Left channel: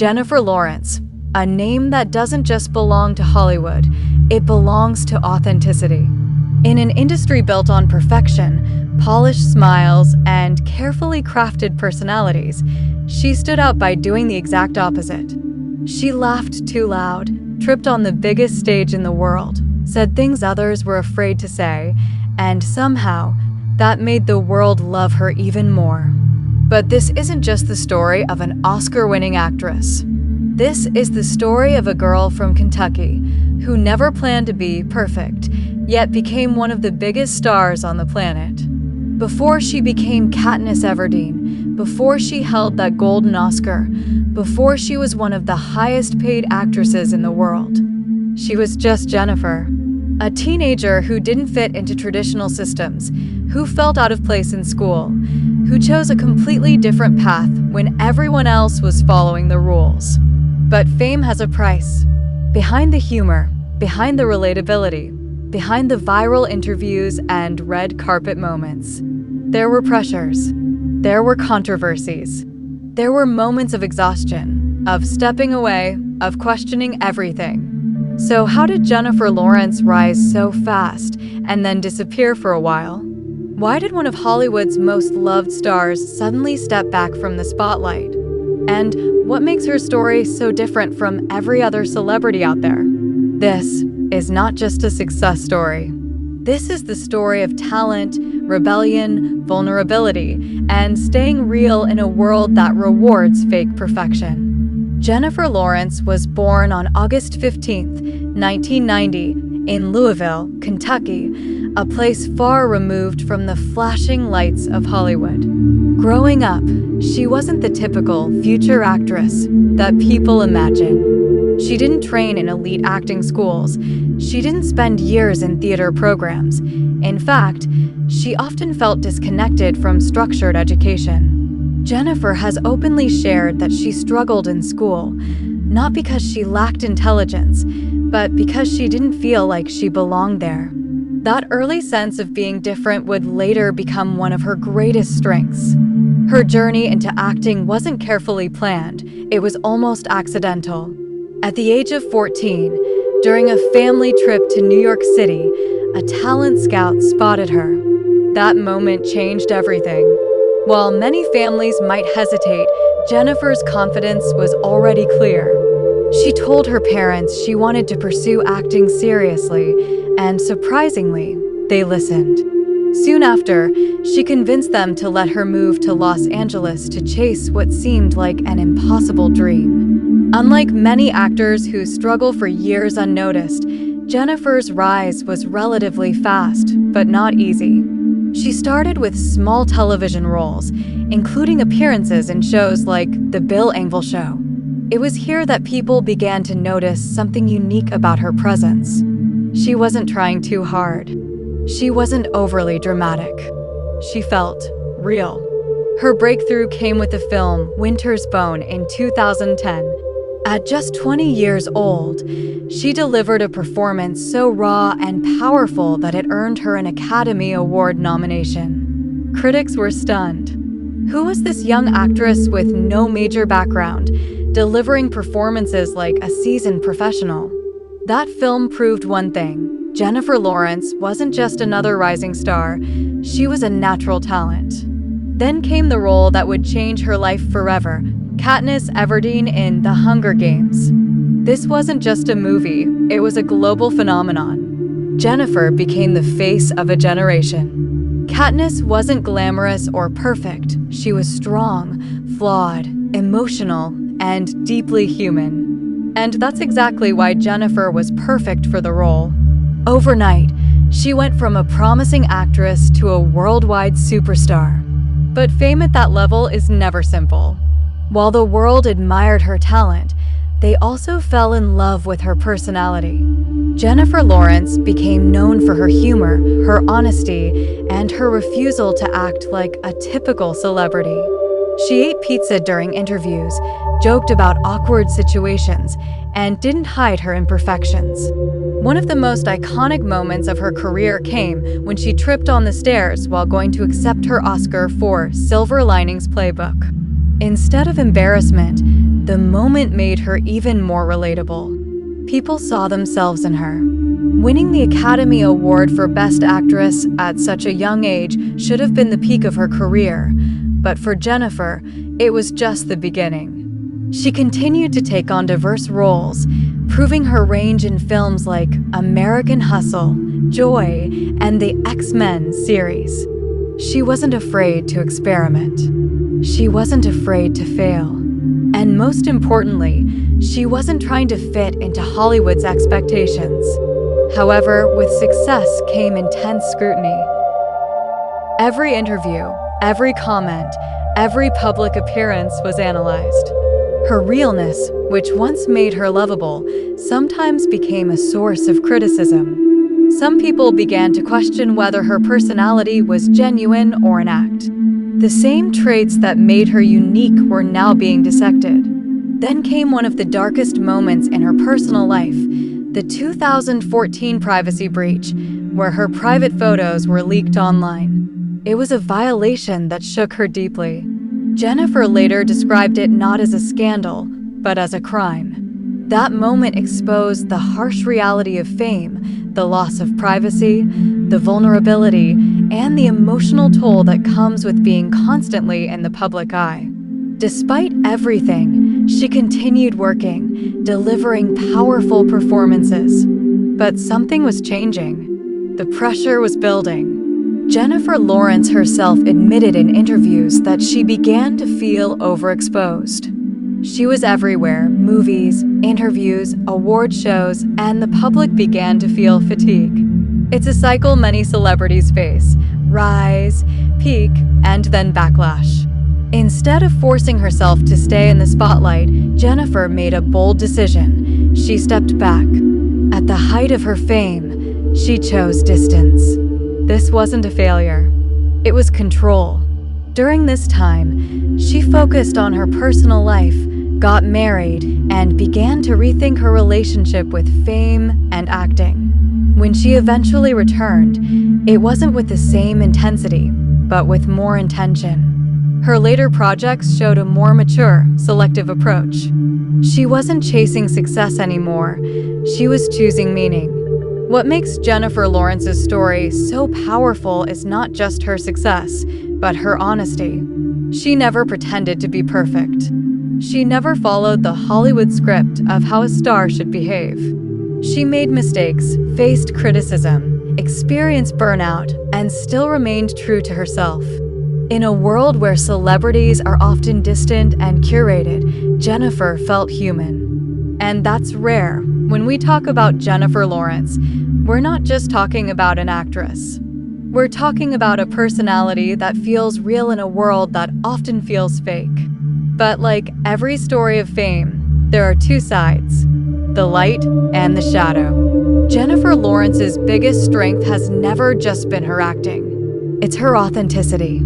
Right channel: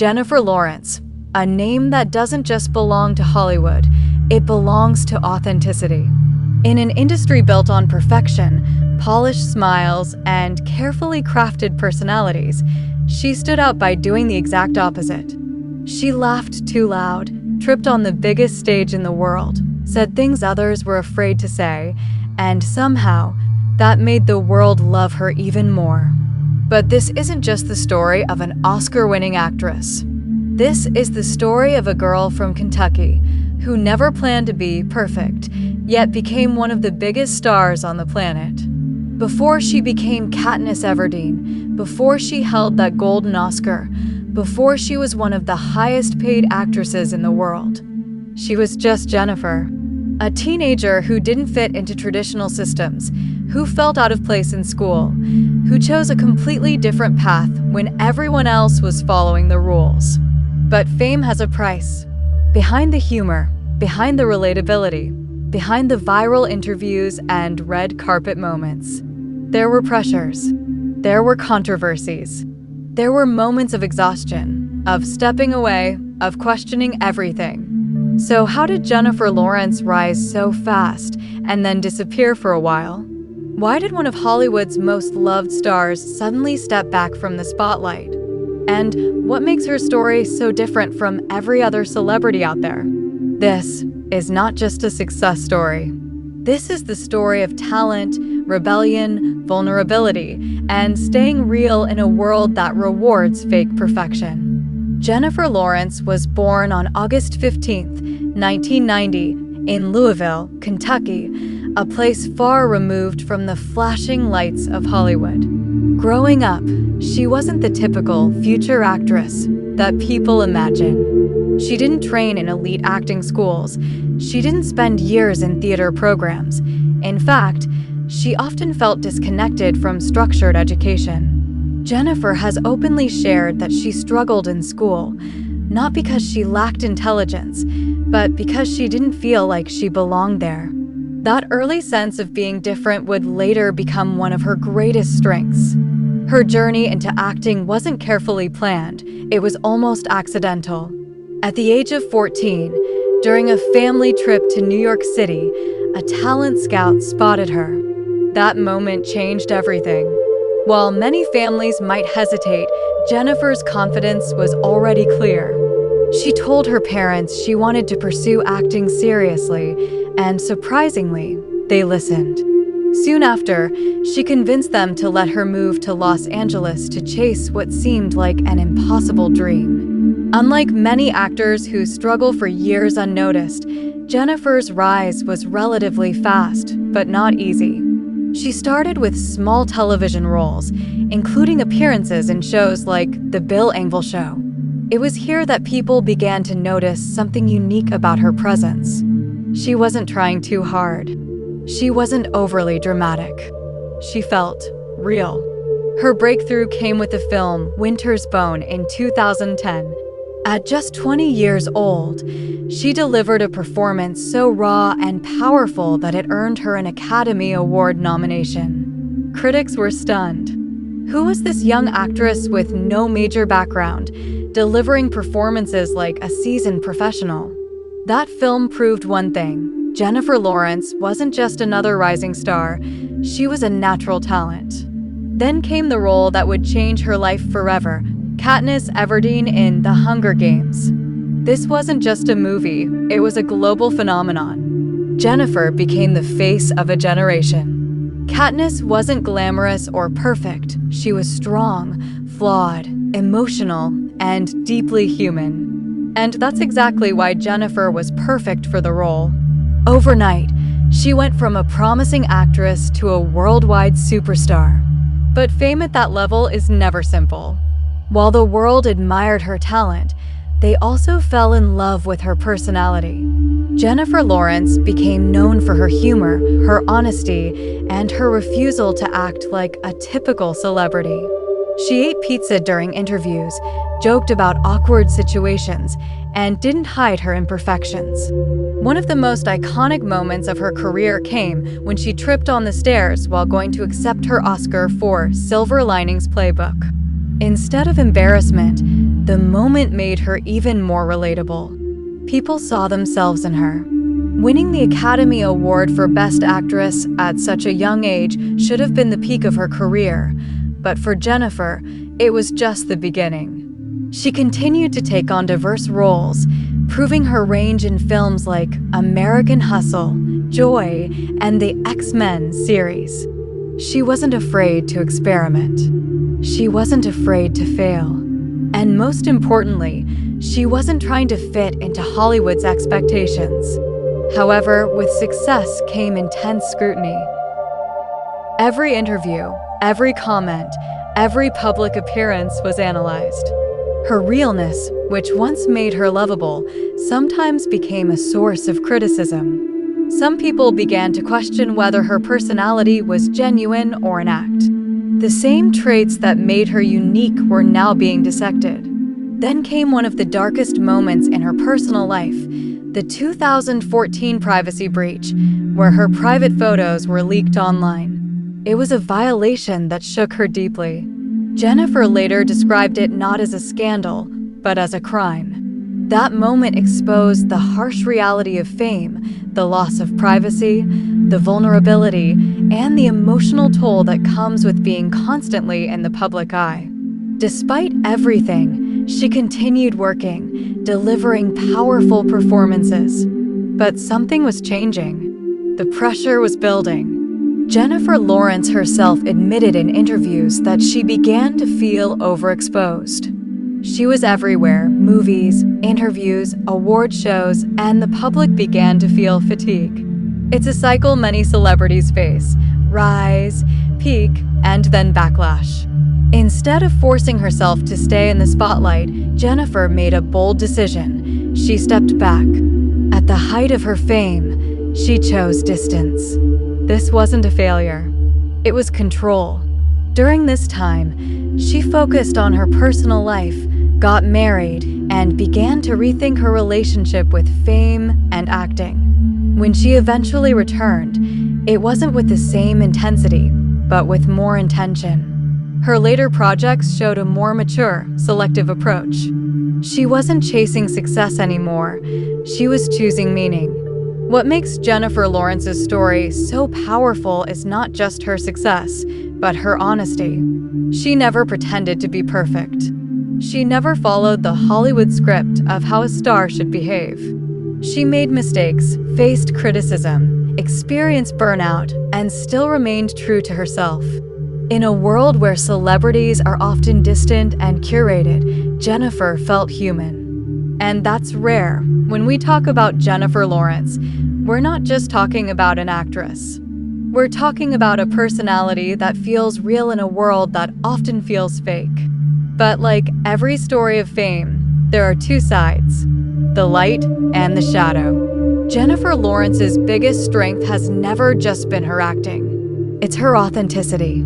Jennifer Lawrence, a name that doesn't just belong to Hollywood, it belongs to authenticity. In an industry built on perfection, polished smiles, and carefully crafted personalities, she stood out by doing the exact opposite. She laughed too loud, tripped on the biggest stage in the world, said things others were afraid to say, and somehow, that made the world love her even more. But this isn't just the story of an Oscar-winning actress. This is the story of a girl from Kentucky who never planned to be perfect, yet became one of the biggest stars on the planet. Before she became Katniss Everdeen, before she held that golden Oscar, before she was one of the highest-paid actresses in the world, she was just Jennifer. A teenager who didn't fit into traditional systems, who felt out of place in school, who chose a completely different path when everyone else was following the rules. But fame has a price. Behind the humor, behind the relatability, behind the viral interviews and red carpet moments, there were pressures, there were controversies, there were moments of exhaustion, of stepping away, of questioning everything. So how did Jennifer Lawrence rise so fast and then disappear for a while? Why did one of Hollywood's most loved stars suddenly step back from the spotlight? And what makes her story so different from every other celebrity out there? This is not just a success story. This is the story of talent, rebellion, vulnerability, and staying real in a world that rewards fake perfection. Jennifer Lawrence was born on August 15, 1990, in Louisville, Kentucky, a place far removed from the flashing lights of Hollywood. Growing up, she wasn't the typical future actress that people imagine. She didn't train in elite acting schools. She didn't spend years in theater programs. In fact, she often felt disconnected from structured education. Jennifer has openly shared that she struggled in school, not because she lacked intelligence, but because she didn't feel like she belonged there. That early sense of being different would later become one of her greatest strengths. Her journey into acting wasn't carefully planned, it was almost accidental. At the age of 14, during a family trip to New York City, a talent scout spotted her. That moment changed everything. While many families might hesitate, Jennifer's confidence was already clear. She told her parents she wanted to pursue acting seriously, and surprisingly, they listened. Soon after, she convinced them to let her move to Los Angeles to chase what seemed like an impossible dream. Unlike many actors who struggle for years unnoticed, Jennifer's rise was relatively fast, but not easy. She started with small television roles, including appearances in shows like The Bill Engvall Show. It was here that people began to notice something unique about her presence. She wasn't trying too hard. She wasn't overly dramatic. She felt real. Her breakthrough came with the film Winter's Bone in 2010. At just 20 years old, she delivered a performance so raw and powerful that it earned her an Academy Award nomination. Critics were stunned. Who was this young actress with no major background, delivering performances like a seasoned professional? That film proved one thing: Jennifer Lawrence wasn't just another rising star, she was a natural talent. Then came the role that would change her life forever: Katniss Everdeen in The Hunger Games. This wasn't just a movie, it was a global phenomenon. Jennifer became the face of a generation. Katniss wasn't glamorous or perfect. She was strong, flawed, emotional, and deeply human. And that's exactly why Jennifer was perfect for the role. Overnight, she went from a promising actress to a worldwide superstar. But fame at that level is never simple. While the world admired her talent, they also fell in love with her personality. Jennifer Lawrence became known for her humor, her honesty, and her refusal to act like a typical celebrity. She ate pizza during interviews, joked about awkward situations, and didn't hide her imperfections. One of the most iconic moments of her career came when she tripped on the stairs while going to accept her Oscar for Silver Linings Playbook. Instead of embarrassment, the moment made her even more relatable. People saw themselves in her. Winning the Academy Award for Best Actress at such a young age should have been the peak of her career, but for Jennifer, it was just the beginning. She continued to take on diverse roles, proving her range in films like American Hustle, Joy, and the X-Men series. She wasn't afraid to experiment. She wasn't afraid to fail. And most importantly, she wasn't trying to fit into Hollywood's expectations. However, with success came intense scrutiny. Every interview, every comment, every public appearance was analyzed. Her realness, which once made her lovable, sometimes became a source of criticism. Some people began to question whether her personality was genuine or an act. The same traits that made her unique were now being dissected. Then came one of the darkest moments in her personal life, the 2014 privacy breach, where her private photos were leaked online. It was a violation that shook her deeply. Jennifer later described it not as a scandal, but as a crime. That moment exposed the harsh reality of fame, the loss of privacy, the vulnerability, and the emotional toll that comes with being constantly in the public eye. Despite everything, she continued working, delivering powerful performances. But something was changing. The pressure was building. Jennifer Lawrence herself admitted in interviews that she began to feel overexposed. She was everywhere: movies, interviews, award shows, and the public began to feel fatigue. It's a cycle many celebrities face: rise, peak, and then backlash. Instead of forcing herself to stay in the spotlight, Jennifer made a bold decision. She stepped back. At the height of her fame, she chose distance. This wasn't a failure. It was control. During this time, she focused on her personal life, got married, and began to rethink her relationship with fame and acting. When she eventually returned, it wasn't with the same intensity, but with more intention. Her later projects showed a more mature, selective approach. She wasn't chasing success anymore. She was choosing meaning. What makes Jennifer Lawrence's story so powerful is not just her success, but her honesty. She never pretended to be perfect. She never followed the Hollywood script of how a star should behave. She made mistakes, faced criticism, experienced burnout, and still remained true to herself. In a world where celebrities are often distant and curated, Jennifer felt human. And that's rare. When we talk about Jennifer Lawrence, we're not just talking about an actress. We're talking about a personality that feels real in a world that often feels fake. But like every story of fame, there are two sides: the light and the shadow. Jennifer Lawrence's biggest strength has never just been her acting. It's her authenticity.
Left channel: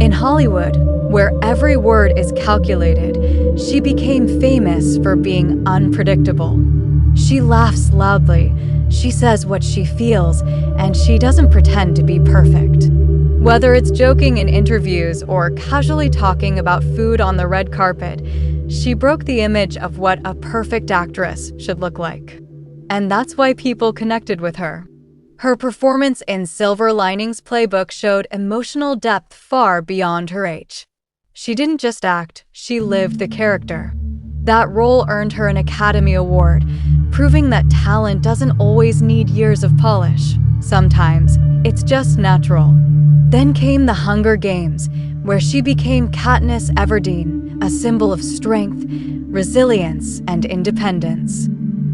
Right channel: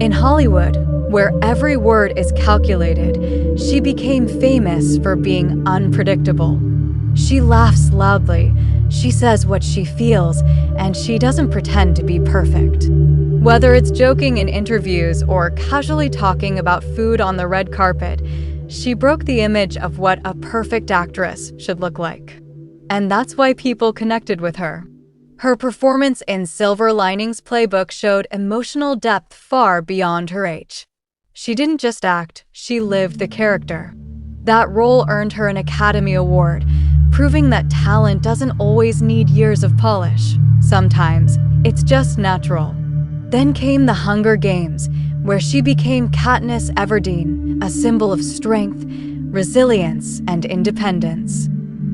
In Hollywood, where every word is calculated, she became famous for being unpredictable. She laughs loudly, she says what she feels, and she doesn't pretend to be perfect. Whether it's joking in interviews or casually talking about food on the red carpet, she broke the image of what a perfect actress should look like. And that's why people connected with her. Her performance in Silver Linings Playbook showed emotional depth far beyond her age. She didn't just act, she lived the character. That role earned her an Academy Award, proving that talent doesn't always need years of polish. Sometimes, it's just natural. Then came the Hunger Games, where she became Katniss Everdeen, a symbol of strength, resilience, and independence.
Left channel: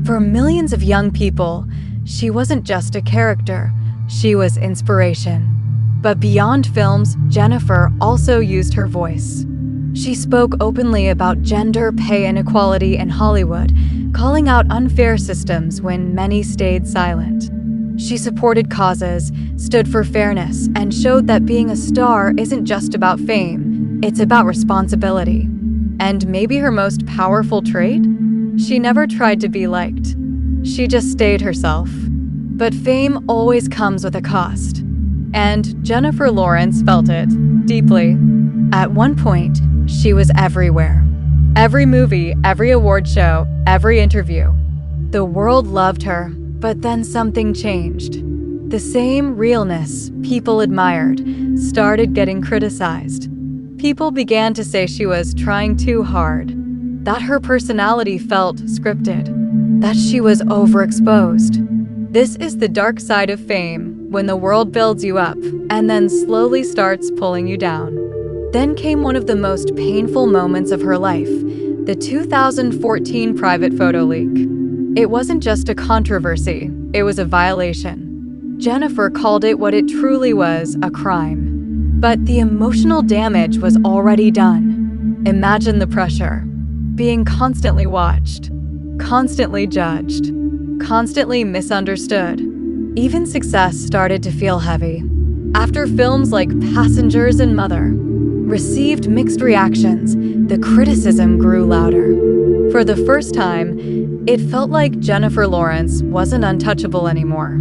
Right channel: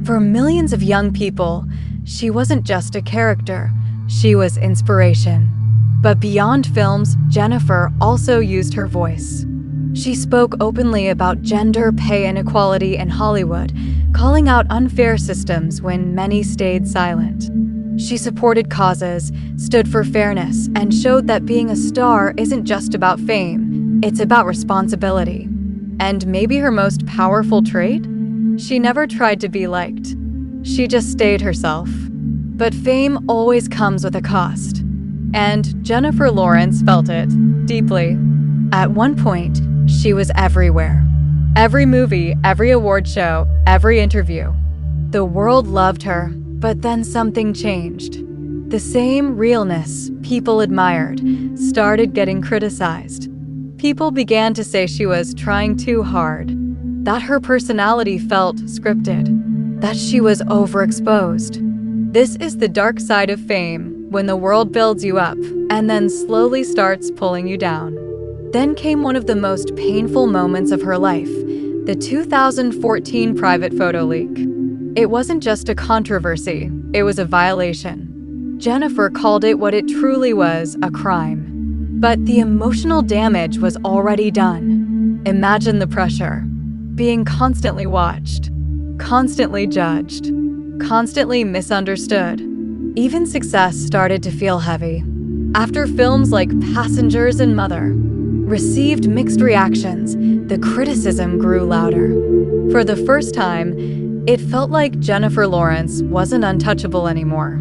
For millions of young people, she wasn't just a character, she was inspiration. But beyond films, Jennifer also used her voice. She spoke openly about gender pay inequality in Hollywood, calling out unfair systems when many stayed silent. She supported causes, stood for fairness, and showed that being a star isn't just about fame, it's about responsibility. And maybe her most powerful trait? She never tried to be liked. She just stayed herself. But fame always comes with a cost. And Jennifer Lawrence felt it deeply. At one point, she was everywhere. Every movie, every award show, every interview. The world loved her, but then something changed. The same realness people admired started getting criticized. People began to say she was trying too hard, that her personality felt scripted, that she was overexposed. This is the dark side of fame, when the world builds you up and then slowly starts pulling you down. Then came one of the most painful moments of her life, the 2014 private photo leak. It wasn't just a controversy, it was a violation. Jennifer called it what it truly was, a crime. But the emotional damage was already done. Imagine the pressure. Being constantly watched, constantly judged, constantly misunderstood. Even success started to feel heavy. After films like Passengers and Mother received mixed reactions, the criticism grew louder. For the first time, it felt like Jennifer Lawrence wasn't untouchable anymore.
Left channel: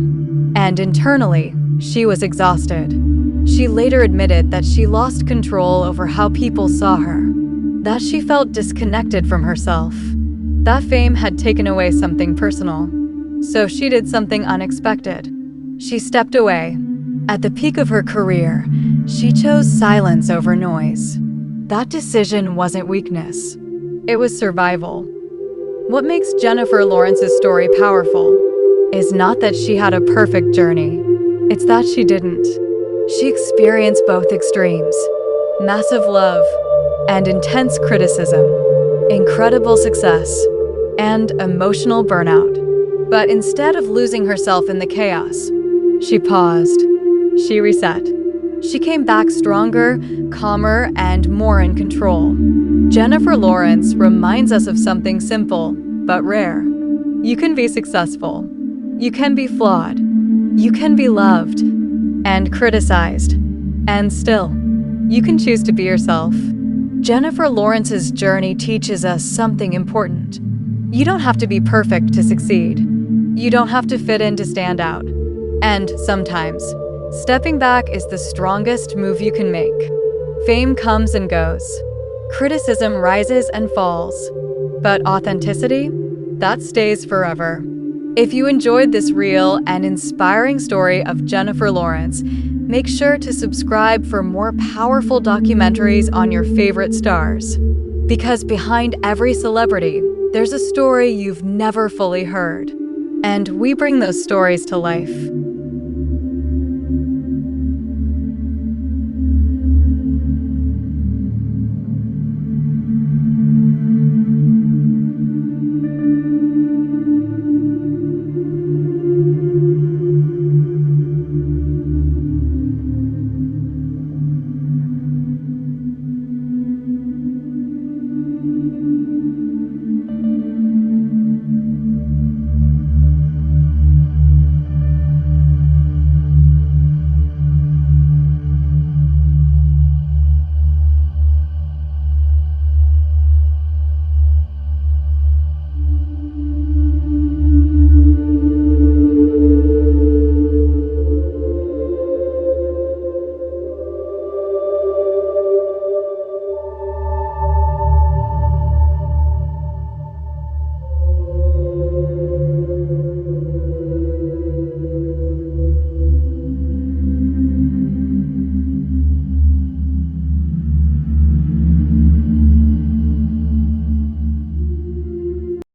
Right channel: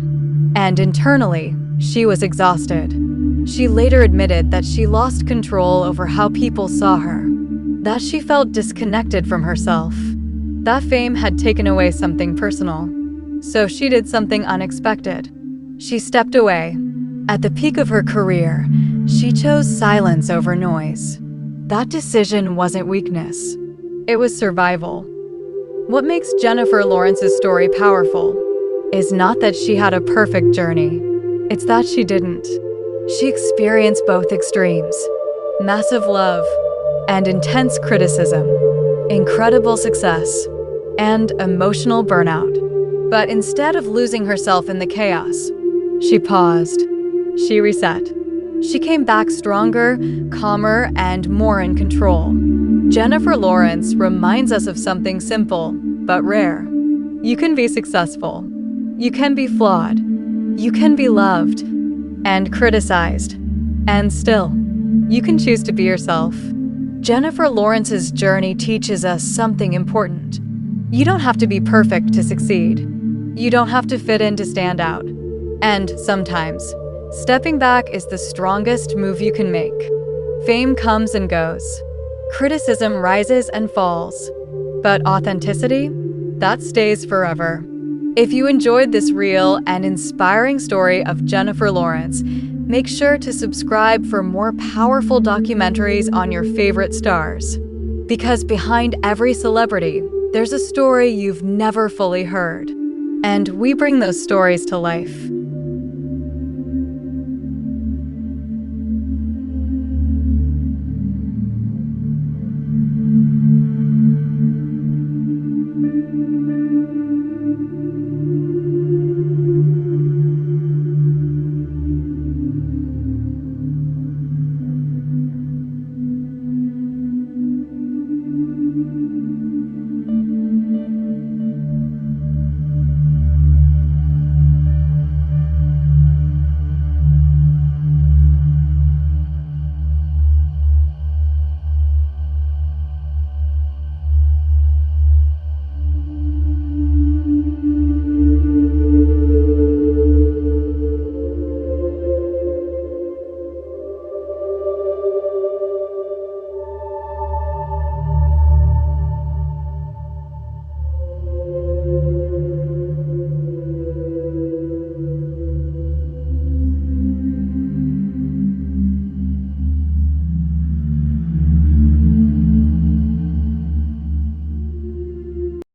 And internally, she was exhausted. She later admitted that she lost control over how people saw her, that she felt disconnected from herself. That fame had taken away something personal. So she did something unexpected. She stepped away. At the peak of her career, she chose silence over noise. That decision wasn't weakness. It was survival. What makes Jennifer Lawrence's story powerful is not that she had a perfect journey. It's that she didn't. She experienced both extremes: massive love and intense criticism, incredible success and emotional burnout. But instead of losing herself in the chaos, she paused. She reset. She came back stronger, calmer, and more in control. Jennifer Lawrence reminds us of something simple but rare. You can be successful. You can be flawed. You can be loved and criticized. And still, you can choose to be yourself. Jennifer Lawrence's journey teaches us something important. You don't have to be perfect to succeed. You don't have to fit in to stand out. And sometimes, stepping back is the strongest move you can make. Fame comes and goes. Criticism rises and falls. But authenticity? That stays forever. If you enjoyed this real and inspiring story of Jennifer Lawrence, make sure to subscribe for more powerful documentaries on your favorite stars. Because behind every celebrity, there's a story you've never fully heard. And we bring those stories to life.